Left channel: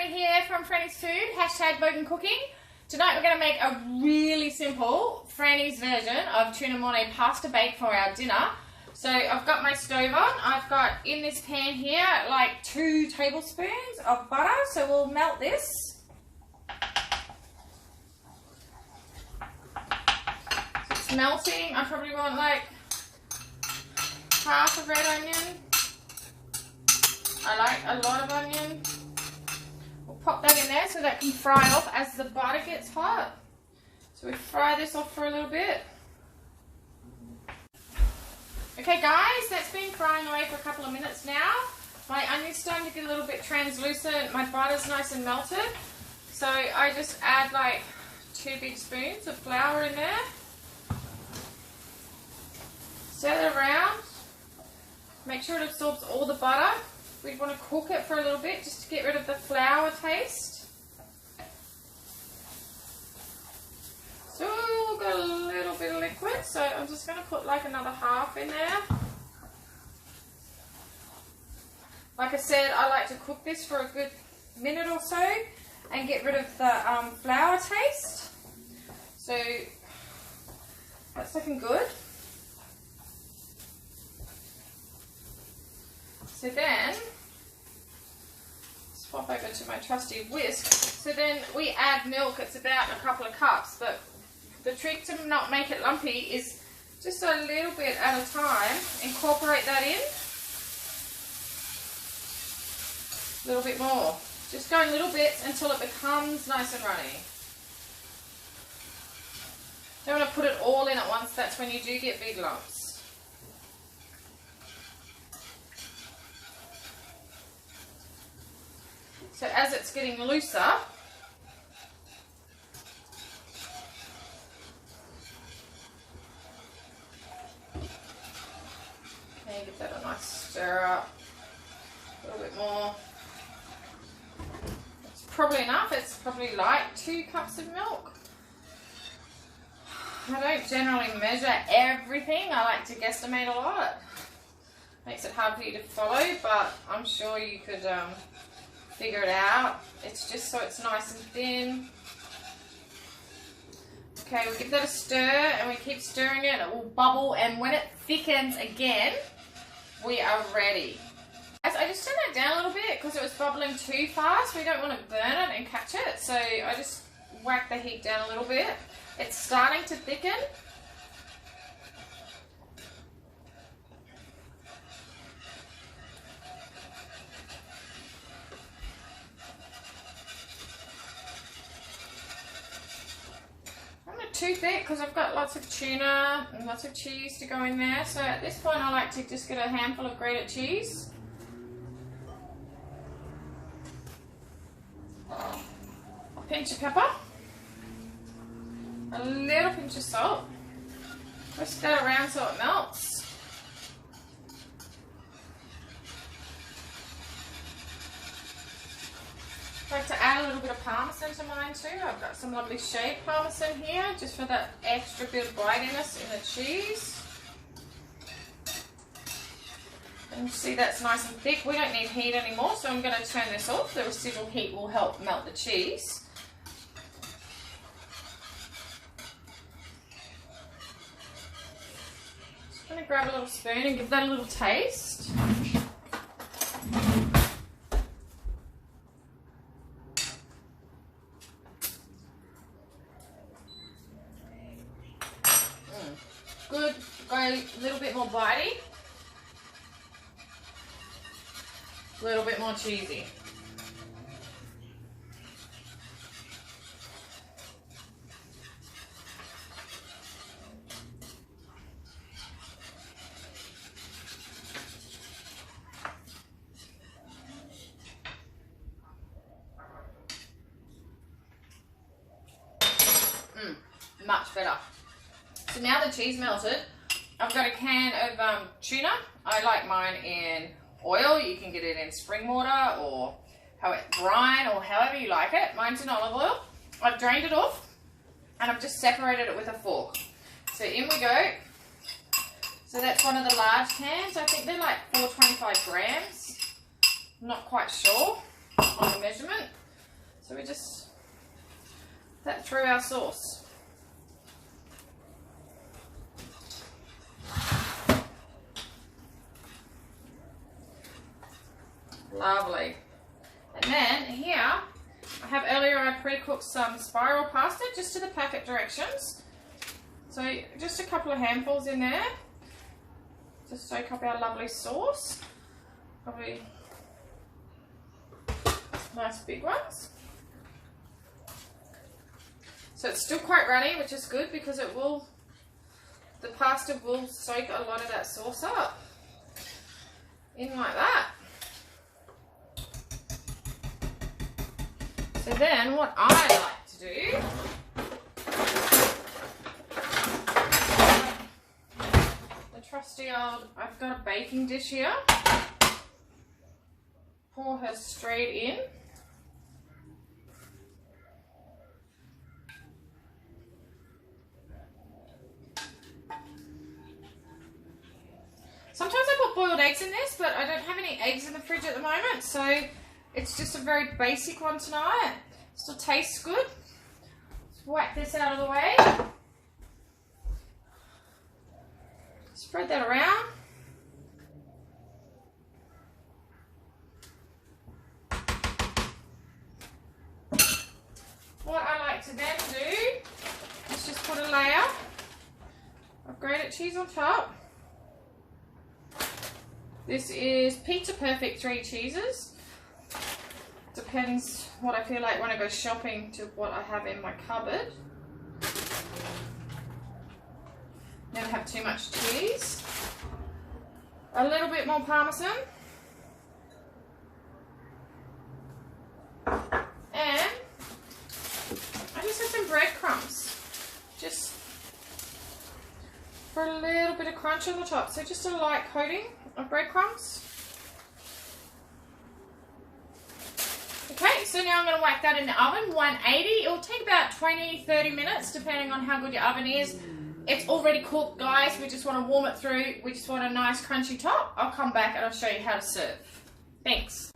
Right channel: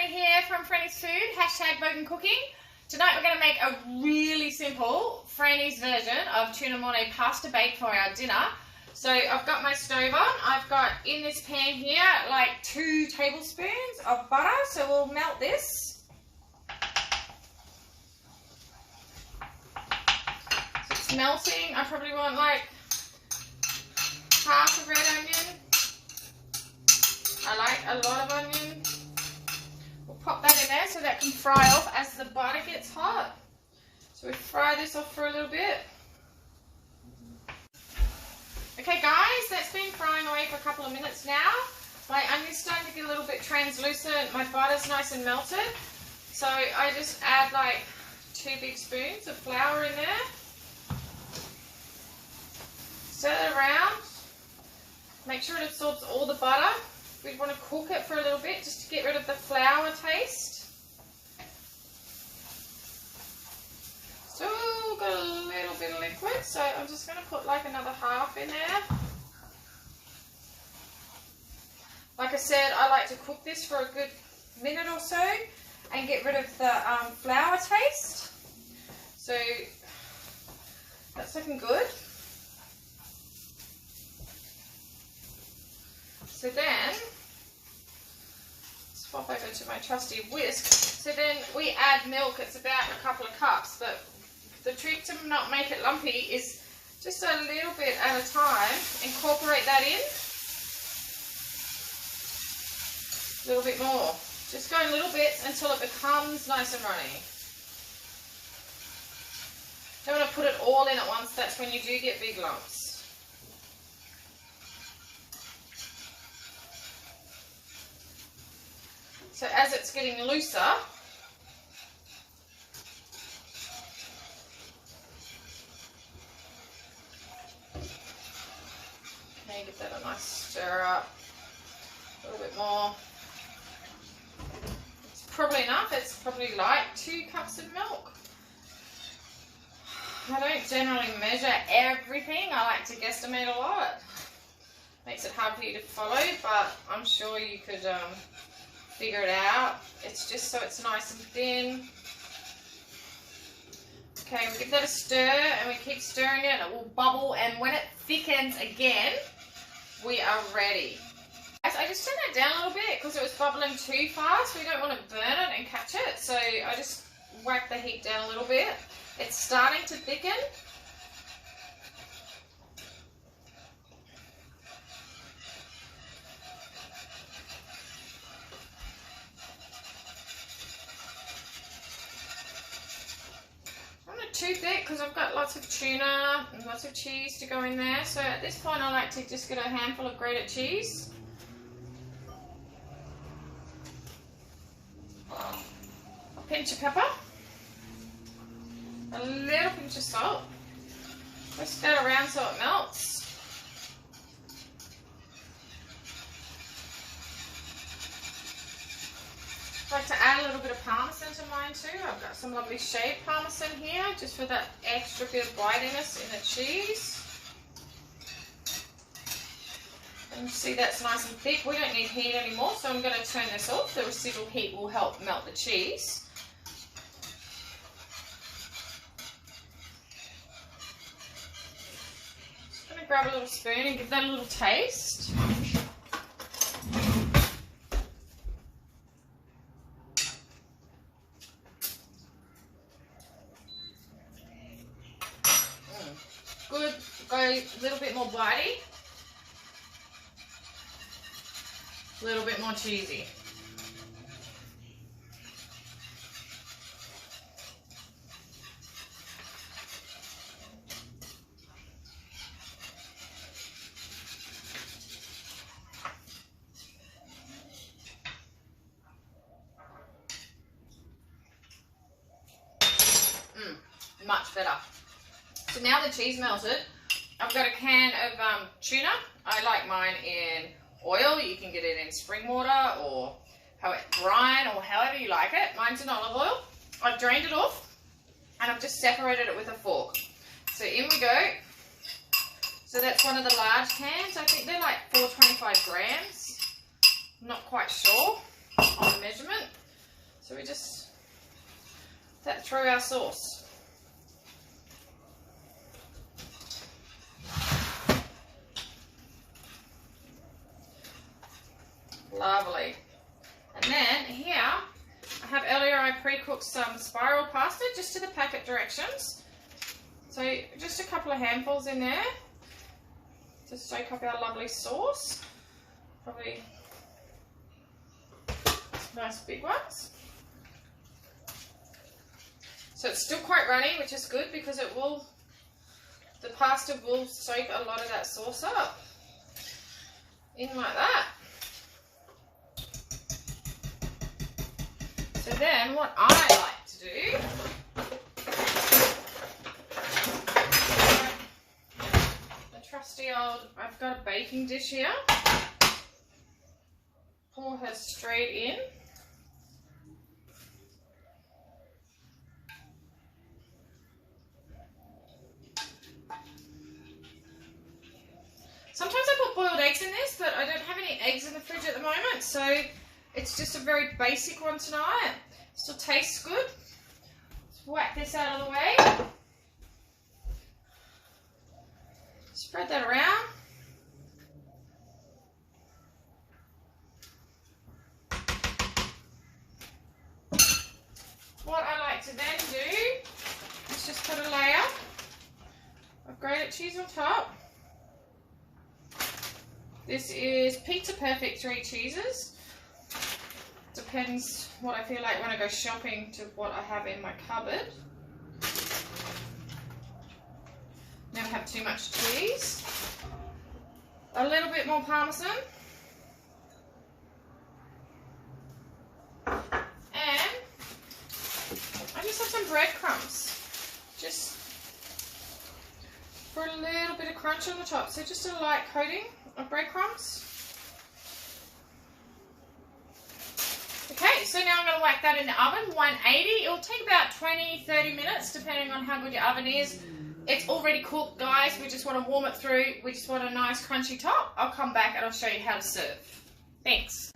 Frannie here from Frannie's Food, hashtag bogancooking. Tonight we're going to make a really simple Frannie's version of tuna mournay pasta bake for our dinner. So I've got my stove on. I've got in this pan here like 2 tablespoons of butter. So we'll melt this. So it's melting. I probably want like half a red onion. I like a lot of onion. We'll pop that in there so that can fry off as the butter gets hot. So we fry this off for a little bit. Okay guys, that's been frying away for a couple of minutes now. My onion's starting to get a little bit translucent. My butter's nice and melted. So I just add like 2 big spoons of flour in there. Stir it around. Make sure it absorbs all the butter. We want to cook it for a little bit just to get rid of the flour taste. So we've got a little bit of liquid, so I'm just going to put like another half in there. Like I said, I like to cook this for a good minute or so and get rid of the flour taste. So that's looking good. So then, swap over to my trusty whisk. So then we add milk. It's about a couple of cups, but the trick to not make it lumpy is just a little bit at a time. Incorporate that in. A little bit more. Just go in little bits until it becomes nice and runny. Don't want to put it all in at once. That's when you do get big lumps. So as it's getting looser, okay, give that a nice stir up, a little bit more. It's probably enough, it's probably like 2 cups of milk. I don't generally measure everything, I like to guesstimate a lot. Makes it hard for you to follow, but I'm sure you could figure it out. It's just so it's nice and thin. Okay, we give that a stir and we keep stirring it. It will bubble, and when it thickens again, we are ready. I just turned that down a little bit because it was bubbling too fast. We don't want to burn it and catch it, so I just whack the heat down a little bit. It's starting to thicken. Too thick because I've got lots of tuna and lots of cheese to go in there. So at this point I like to just get a handful of grated cheese. A pinch of pepper. A little pinch of salt. Whisk that around so it melts. I like to add a little bit of parmesan to mine too. I've got some lovely shaved parmesan here, just for that extra bit of bitiness in the cheese. And you see that's nice and thick. We don't need heat anymore, so I'm going to turn this off. The residual heat will help melt the cheese. Just going to grab a little spoon and give that a little taste. Good, go a little bit more bitey, a little bit more cheesy. Much better. So now the cheese melted, I've got a can of tuna. I like mine in oil. You can get it in spring water or brine or however you like it. Mine's in olive oil. I've drained it off and I've just separated it with a fork. So in we go. So that's one of the large cans. I think they're like 425 grams. I'm not quite sure on the measurement. So we just that through our sauce. Lovely. And then here, I have earlier I pre-cooked some spiral pasta just to the packet directions. So just a couple of handfuls in there to soak up our lovely sauce. Probably nice big ones. So it's still quite runny, which is good because it will, the pasta will soak a lot of that sauce up. In like that. So then what I like to do, the trusty old, I've got a baking dish here. Pour her straight in. Sometimes I put boiled eggs in this, but I don't have any eggs in the fridge at the moment, so it's just a very basic one tonight. Still tastes good. Let's whack this out of the way. Spread that around. What I like to then do is just put a layer of grated cheese on top. This is Pizza Perfect 3 cheeses. Depends what I feel like when I go shopping to what I have in my cupboard. Never have too much cheese. A little bit more Parmesan. And I just have some breadcrumbs. Just for a little bit of crunch on the top. So just a light coating of breadcrumbs. Okay, so now I'm going to whack that in the oven, 180. It will take about 20-30 minutes depending on how good your oven is. It's already cooked, guys. We just want to warm it through. We just want a nice crunchy top. I'll come back and I'll show you how to serve. Thanks.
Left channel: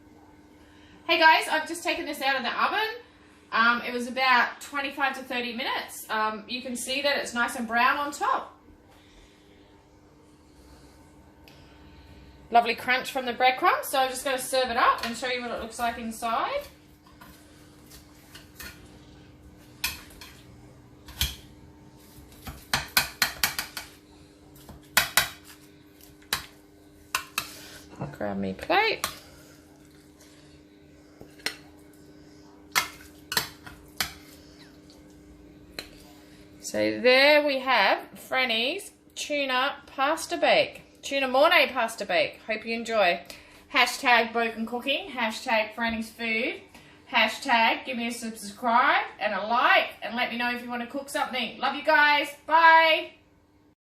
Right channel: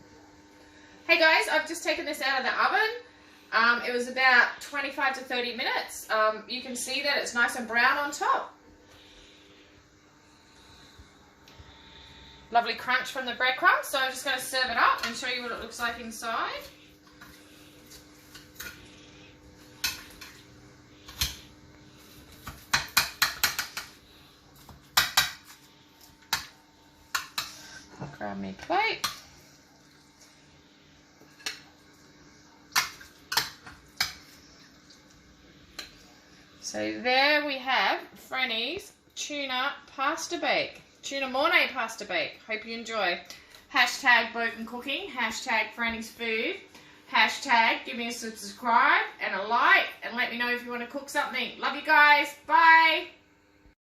Hey guys, I've just taken this out of the oven. It was about 25 to 30 minutes. You can see that it's nice and brown on top. Lovely crunch from the breadcrumbs. So I'm just going to serve it up and show you what it looks like inside. I'll grab me plate. So there we have Frannie's tuna pasta bake. Tuna mournay pasta bake. Hope you enjoy. Hashtag bogancooking. Hashtag Frannie's food. Hashtag give me a subscribe and a like. And let me know if you want to cook something. Love you guys. Bye.